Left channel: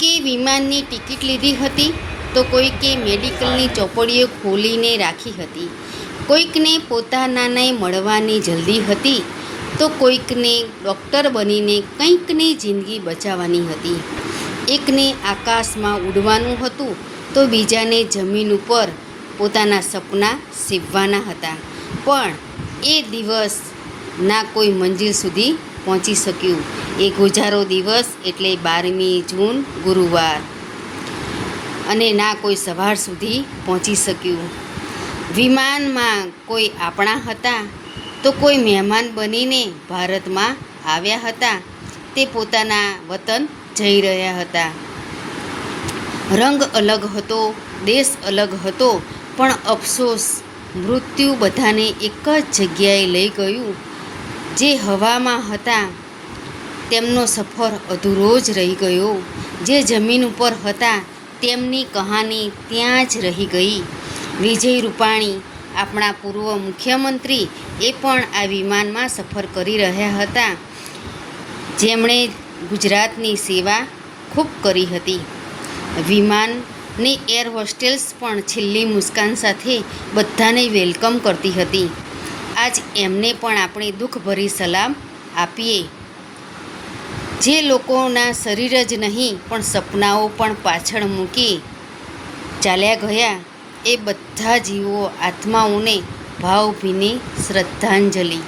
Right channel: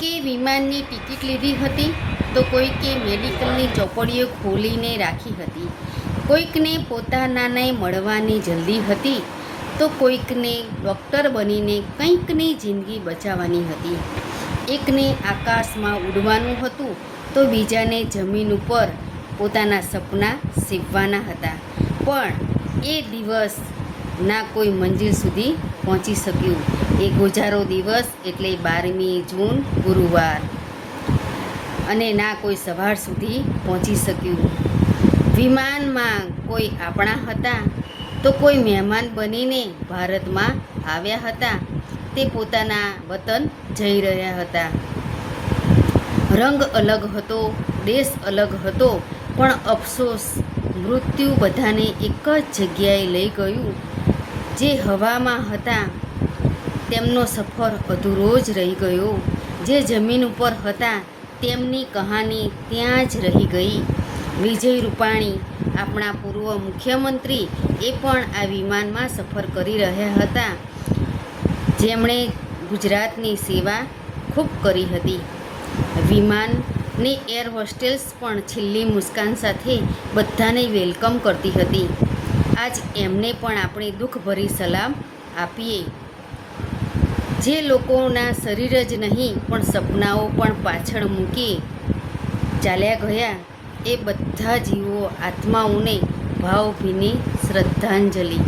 કોઈકે વિમાનની ટિકિટ લીધી હતી, તો કોઈકે મેડિકલની ચોપડીઓ ખોલીને રાખી હતી. કોઈકને પોતાનાને મળવાની જલ્દી હતી, તો કોઈકને ડૉક્ટર બનીને કંઈકની જિંદગી બચાવવાની હતી. એકને આકાશમાં ઉડવાનું હતું, તો બીજાને જમીન ઉપર પોતાના સપના સીવવાના હતા. પણ એ દિવસ ના કોઈ મંજિલ સુધી પહોંચી શક્યું. એ ગુજારો દિવસ એટલે બારમી જૂન, ગુરુવાર. અને ના કોઈ સવાર સુધી પહોંચી શક્યું. વિમાનમાં કોઈ આપણા હતા તો કોઈ મહેમાન બનીને ભારતમાં આવ્યા હતા. તે પોતાના વતન જઈ રહ્યા હતા. રંગ અલગ હતો, દેશ અલગ હતો, પણ અફસોસ, મૃત્યુ બધાને એક જ જગ્યાએ લઈ ગયું. જે હવામાં હતા તેમનો સફર અધૂરો જ રહી ગયો. જે જમીન ઉપર હતા, તેમની કહાની ત્યાં જ રહી ગઈ. વિજય રૂપાણી, આપણા પૂર્વ મુખ્યમંત્રી, એ પણ આ વિમાનમાં સફર કરી રહ્યા હતા. જેમણે ગુજરાતની સેવા ખૂબ કરી હતી. વિમાનની એર હોસ્ટેલ્સ પણ છેલ્લી મુસ્કાન સાથે બધાને વેલકમ કરતી હતી. આજ એમને પણ આપણે દુઃખભરી સલામ આપીએ. જે લોકોના શરીર જ નહીં, પણ સપનાઓ પણ પાછળ મૂકી ચાલ્યા ગયા. એ બધા જીવો આત્માઓને ભાવભીની શ્રદ્ધાંજલિ.